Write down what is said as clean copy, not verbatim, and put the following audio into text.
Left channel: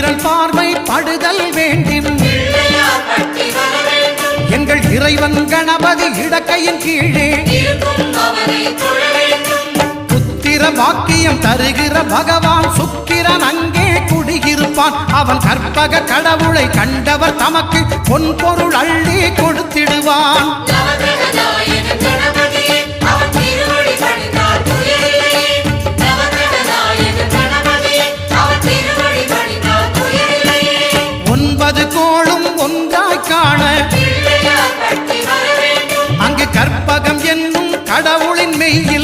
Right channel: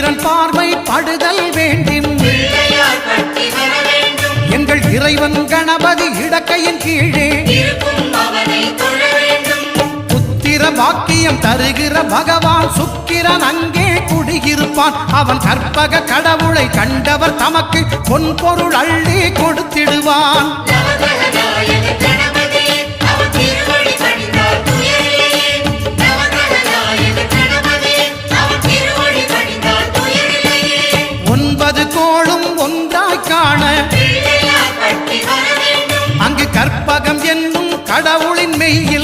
சந்திரன் பார்வை படுதல் வேண்டும். எங்கள் இறைவன் கணபதி இடக்கையின் கீழே புத்திர வாக்கியம் தருகிற பகவான் சுக்கிரன் அங்கே குடியிருப்பான். அவன் கற்பக கடவுளை கண்டவர் தமக்கு பொன் பொருள் அள்ளி கொடுத்திடுவான். ஒன்பது கோளும் ஒன்றாய் காண அங்கு கற்பகம் என்னும் கடவுளின் மெய்யில்